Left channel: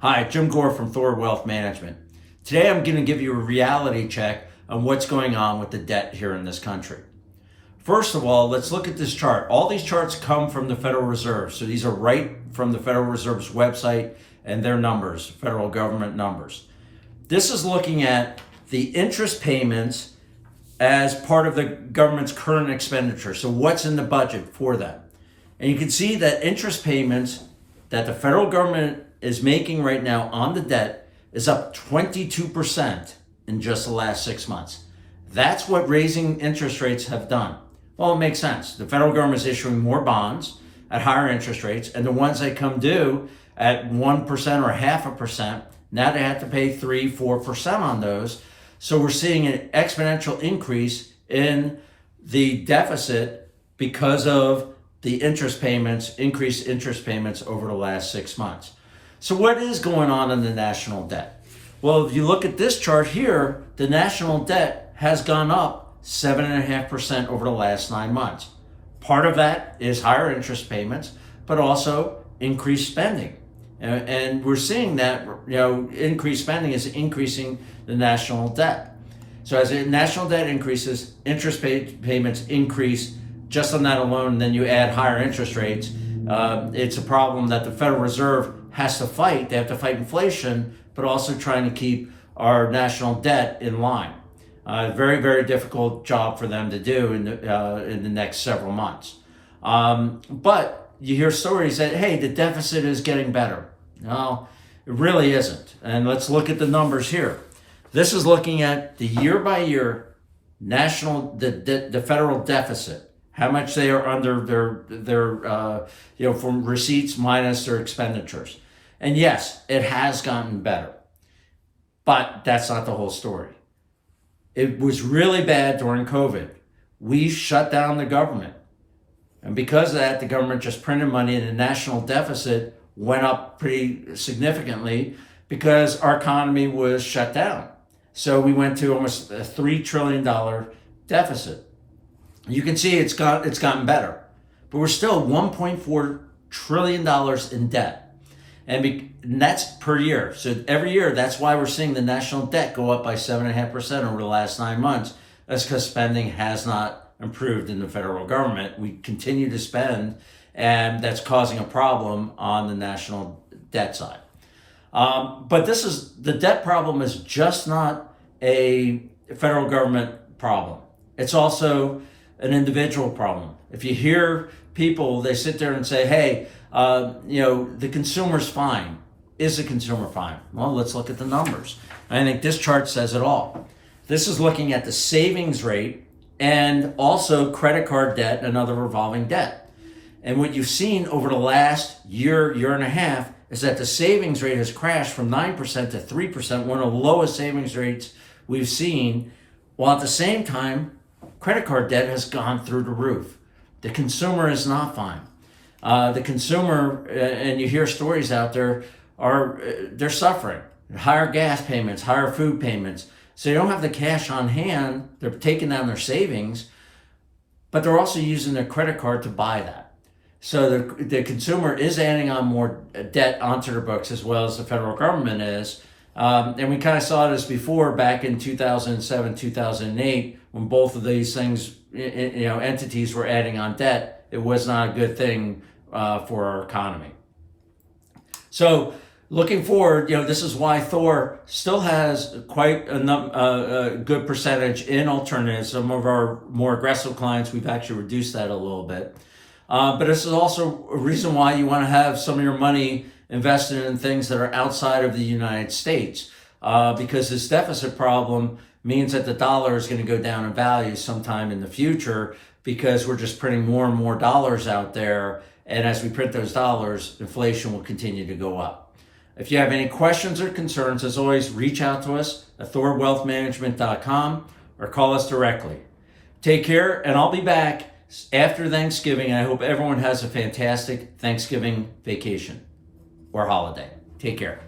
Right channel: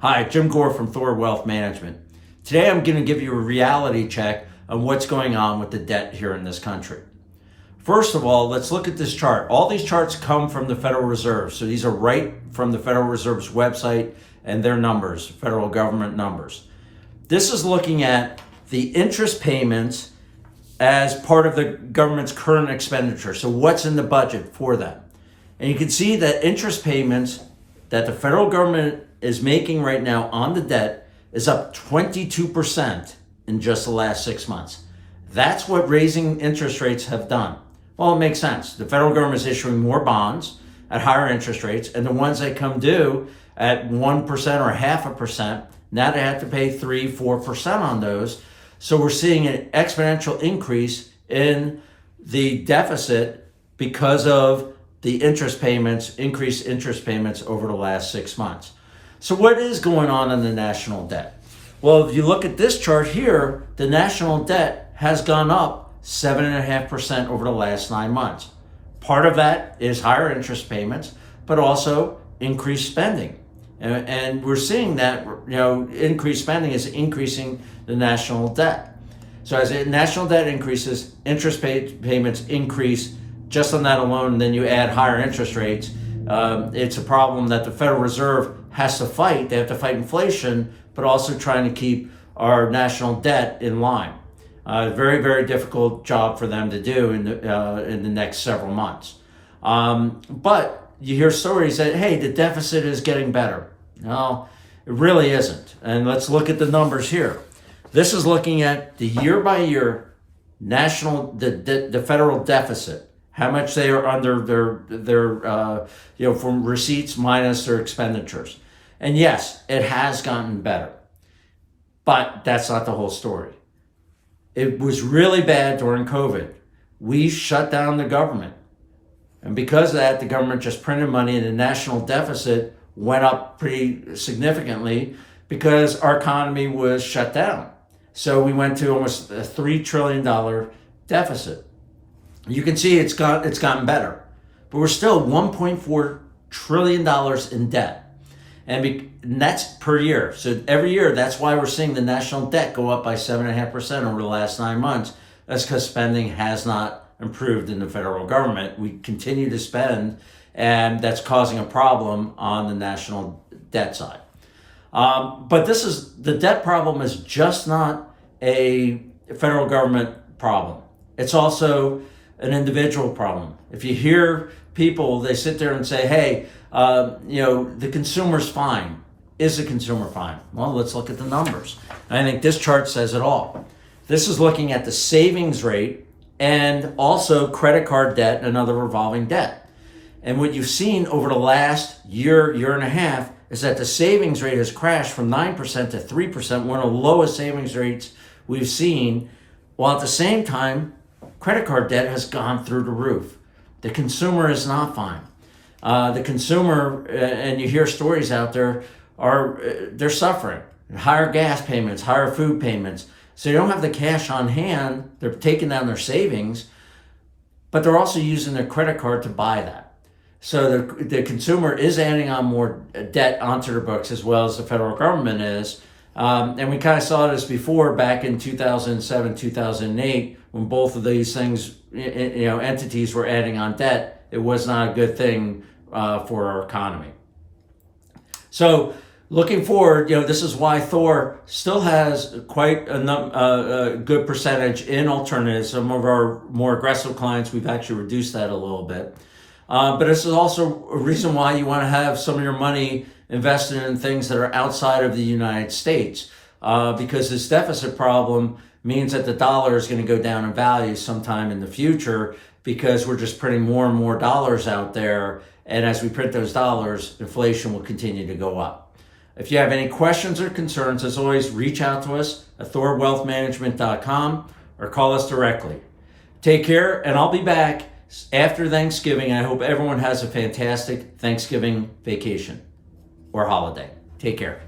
Hi, Jim Gore from Thor Wealth Management. Today I'm going to give you a reality check on what's going on with the debt here in this country. First of all, let's look at this chart. All these charts come from the Federal Reserve. So these are right from the Federal Reserve's website and their numbers, federal government numbers. This is looking at the interest payments as part of the government's current expenditure. So what's in the budget for them? And you can see that interest payments that the federal government is making right now on the debt is up 22% in just the last 6 months. That's what raising interest rates have done. Well, it makes sense. The federal government is issuing more bonds at higher interest rates, and the ones that come due at 1% or 0.5%, now they have to pay 3-4% on those. So we're seeing an exponential increase in the deficit because of the interest payments, increased interest payments over the last 6 months. So what is going on in the national debt? Well, if you look at this chart here, the national debt has gone up 7.5% over the last 9 months. Part of that is higher interest payments, but also increased spending. And we're seeing that, increased spending is increasing the national debt. So as the national debt increases, interest payments increase just on that alone, and then you add higher interest rates. It's a problem that the Federal Reserve has to fight. They have to fight inflation, but also trying to keep our national debt in line. Very, very difficult job for them to do in the next several months. But you hear stories that, hey, the deficit is getting better. No, it really isn't. And let's look at the numbers here. This is looking at the year by year the federal deficit, how much they are under their from receipts minus their expenditures. And yes, it has gotten better, but that's not the whole story. It was really bad during COVID. We shut down the government. And because of that, the government just printed money and the national deficit went up pretty significantly because our economy was shut down. So we went to almost a $3 trillion deficit. You can see it's gotten better, but we're still $1.4 trillion in debt. And that's per year. So every year, that's why we're seeing the national debt go up by 7.5% over the last 9 months. That's because spending has not improved in the federal government. We continue to spend, and that's causing a problem on the national debt side. But the debt problem is just not a federal government problem. It's also an individual problem. If you hear people, they sit there and say, hey, the consumer's fine. Is the consumer fine? Well, let's look at the numbers. I think this chart says it all. This is looking at the savings rate and also credit card debt and other revolving debt. And what you've seen over the last year and a half is that the savings rate has crashed from 9% to 3%, one of the lowest savings rates we've seen, while at the same time, credit card debt has gone through the roof. The consumer is not fine. The consumer, and you hear stories out there, they're suffering. Higher gas payments, higher food payments. So they don't have the cash on hand. They're taking down their savings, but they're also using their credit card to buy that. So the consumer is adding on more debt onto their books, as well as the federal government is. And we kind of saw this before back in 2007, 2008, when both of these things, entities were adding on debt. It was not a good thing for our economy. So looking forward, this is why Thor still has quite a good percentage in alternatives. Some of our more aggressive clients, we've actually reduced that a little bit. But this is also a reason why you want to have some of your money invested in things that are outside of the United States, because this deficit problem means that the dollar is going to go down in value sometime in the future, because we're just printing more and more dollars out there. And as we print those dollars, inflation will continue to go up. If you have any questions or concerns, as always, reach out to us at thorwealthmanagement.com or call us directly. Take care, and I'll be back after Thanksgiving. I hope everyone has a fantastic Thanksgiving vacation or holiday. Take care.